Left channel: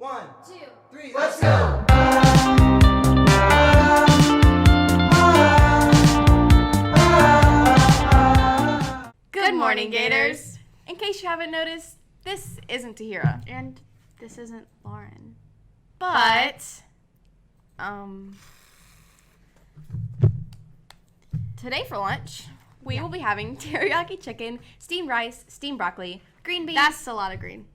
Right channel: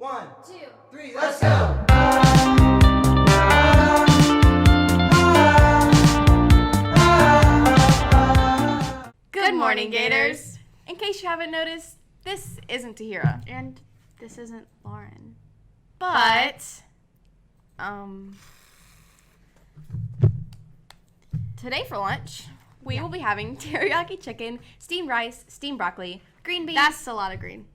1, 2, 3, let's go! Good morning, Gators! In case you haven't noticed, this isn't Tahira. and this isn't Lauren. But, today for lunch, we will be having teriyaki chicken, steamed rice, steamed broccoli, green beans, That's a lot of green.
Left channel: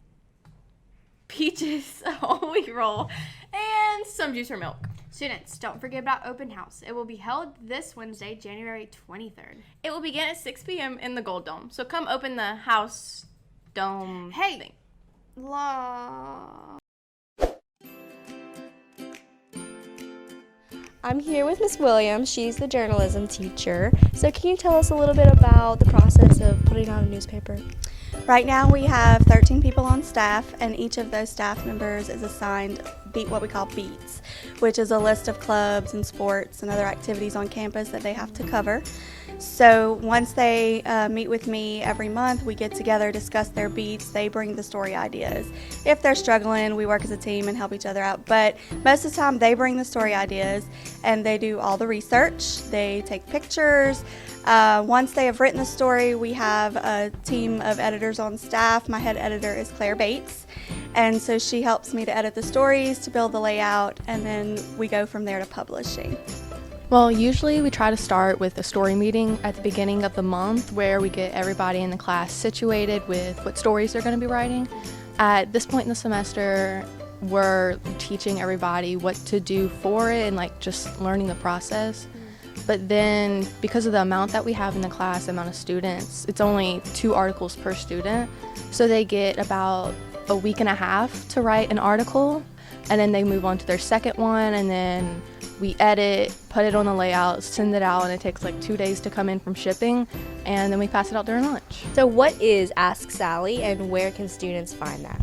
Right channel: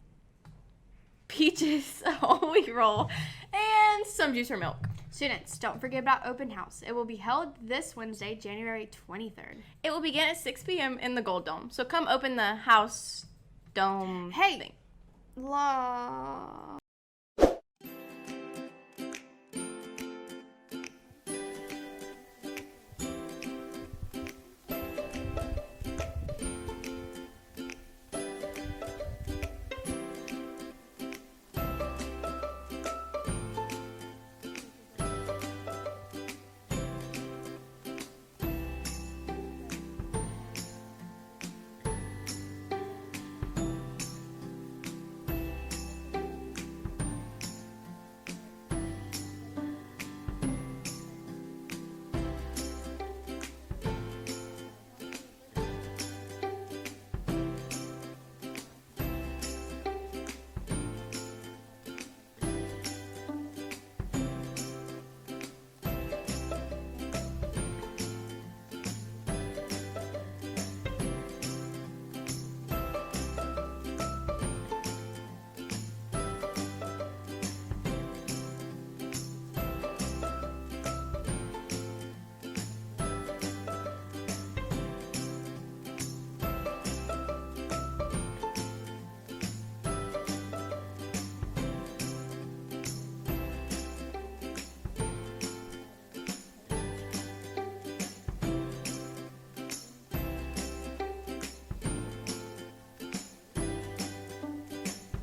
peaches, a whole wheat roll, and some juice or milk. Students, don't forget about open house. It will be held this Wednesday, January 23rd. It will begin at 6 p.m. in the Gold Dome. So come open the house dome thing. I'm here with Miss Williams. She's the journalism teacher. So can you tell us a little bit about the process of putting out a newspaper? Right now we have 13 people on staff, and each of those staff members is assigned what we call beats, which is a list of clubs and sports and other activities on campus that they have to cover. So once they meet with me every month, we get together, discuss their beats, they bring the story ideas. If they're struggling, we work as a team and help each other out, but most of the time they bring the story ideas and they do all the research, they take pictures. Once they have written the story, we have a team of editors on staff. My head editor is Claire Bates, and so she helps me to edit the stories, to build the layout, and then we go from there to publishing. Well, usually we try to start with a story meeting at the beginning of the month where we get everybody in the class situated with what stories they're going to be writing. At this point in the semester, we're teaching everybody what to do for it and just learning the process. But then because of the amount that we have in the class, the amount of students, it's only 2 articles per student. So they get about a week and a half to write an article, and then they move on to their second one, and then we edit, put it on the layout, send it out, and it takes 2 days to come in from shipping, and then we pass it out during lunch. So what is Ask Sally and where can students find that?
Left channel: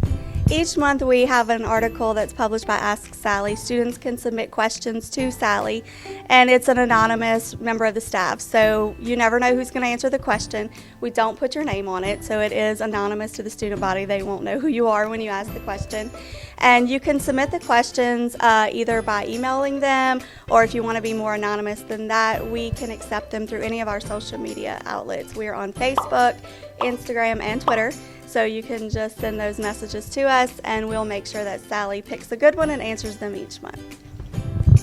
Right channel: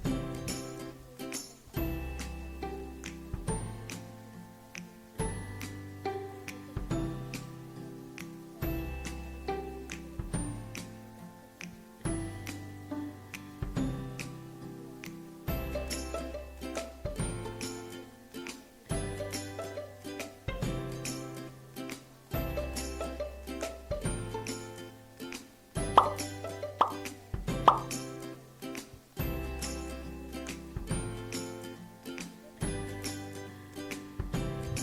Each month we have an article that's published by Ask Sally. Students can submit questions to Sally, and it's an anonymous member of the staff, so you never know who's going to answer the question. We don't put your name on it, so it is anonymous to the student body. They won't know who you are when you ask the question. And you can submit the questions either by emailing them, or if you want to be more anonymous than that, we can accept them through any of our social media outlets. We are on Facebook, Instagram, and Twitter. So you can just send those messages to us, and we'll make sure that Sally picks a good one and answers them each month.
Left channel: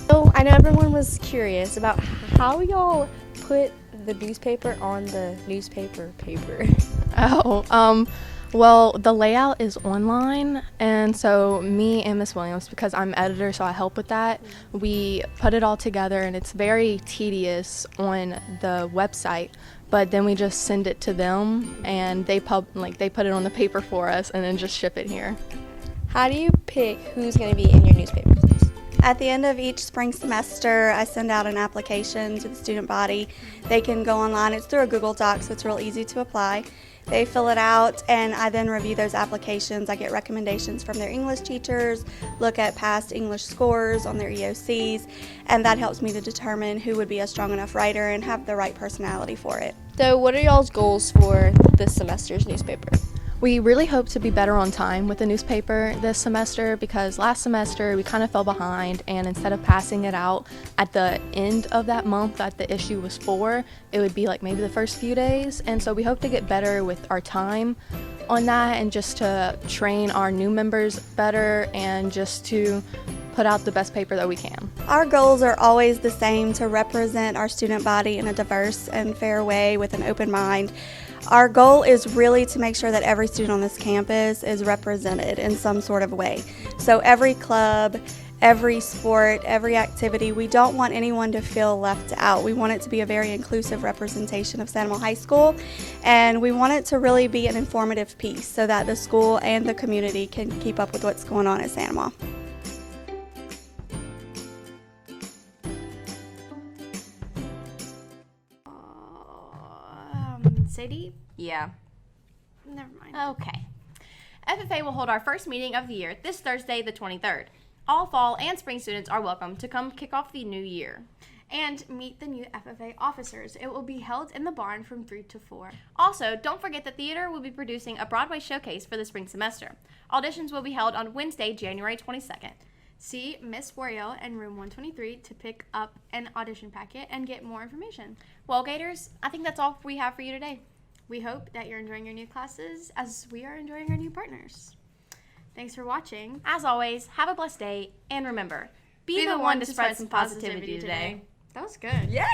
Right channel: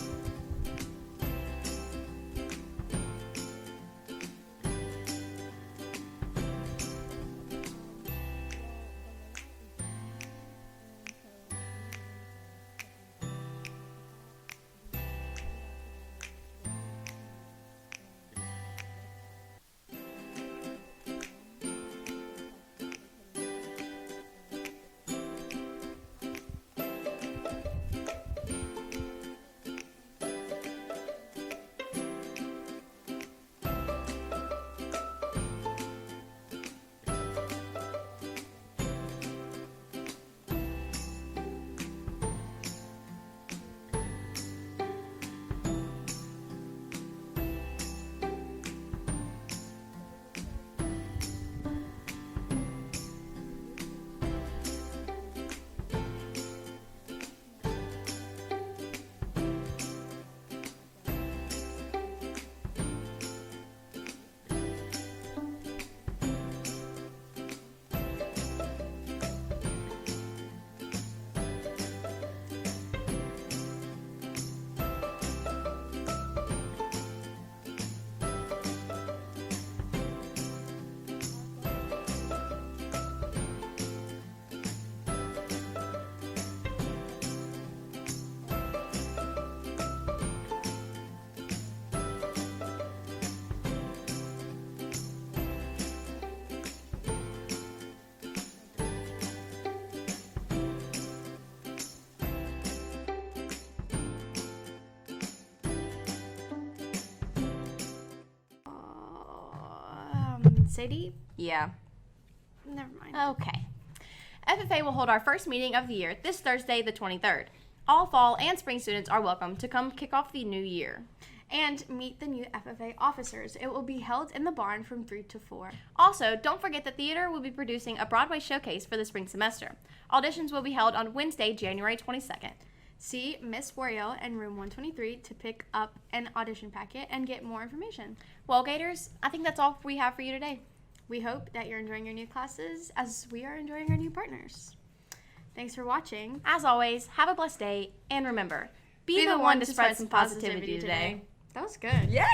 So I know everyone was curious about how y'all put the newspaper on the newspaper paper. Well, the layout is online, and so me and Miss Williams, because I'm editor, so I help with that, we put it all together, and it's very tedious on the website, but then we just send it to them, and they put it on the paper for us, and then just ship it here. How do you pick who's going to be in your newspaper? At the end of each spring semester, I send out an application to the student body. They can go online. It's through a Google Doc, so it's real easy to apply. They fill it out, and I then review those applications. I get recommendations from their English teachers, look at past English scores on their EOCs, and that helps me to determine who would be a strong enough writer and have the right personality for it. So what are y'all's goals for this semester's newspaper? We really hope to be better on time with the newspaper this semester because last semester we kind of fell behind, and instead of passing it out at the end of that month that the issue was for, it would be maybe the first few days. And so we hope to get better with our time on that and just to train our new members better and just to put out the best paper that we can. Our goals are always the same: to represent our student body in a diverse and fair way with an open mind. Our goal is really to make sure that every student on this campus is represented in some sort of way. So every club, every sport, every activity, we don't want anyone to feel left out. We want it to be a very inclusive representation of San Juan High School, and we want it to really be an informative piece so that the school and the community can keep up with what's going on at San Juan. Sadie? Yeah. Never mind. Okay. FFA will hold our first meeting of the year this Thursday, the 23rd. All fall and spring students are welcome to come kick off the new year. and meet the new FFA officers. It will be held in the barn from 3 to 4. Also, don't forget the theater will be producing a Broadway showcase for the spring semester. Auditions will be held on Wednesday, January 22nd. See Miss Wario in room 123 to pick up an audition packet and get more information. Well, Gators, I think that's all we have for you today. We hope that you're enjoying your new classes as we are enjoying our new partners. Thanks for watching. As always, have a blessed day, and remember, be the one to spread some positivity today. That was good. Yeah.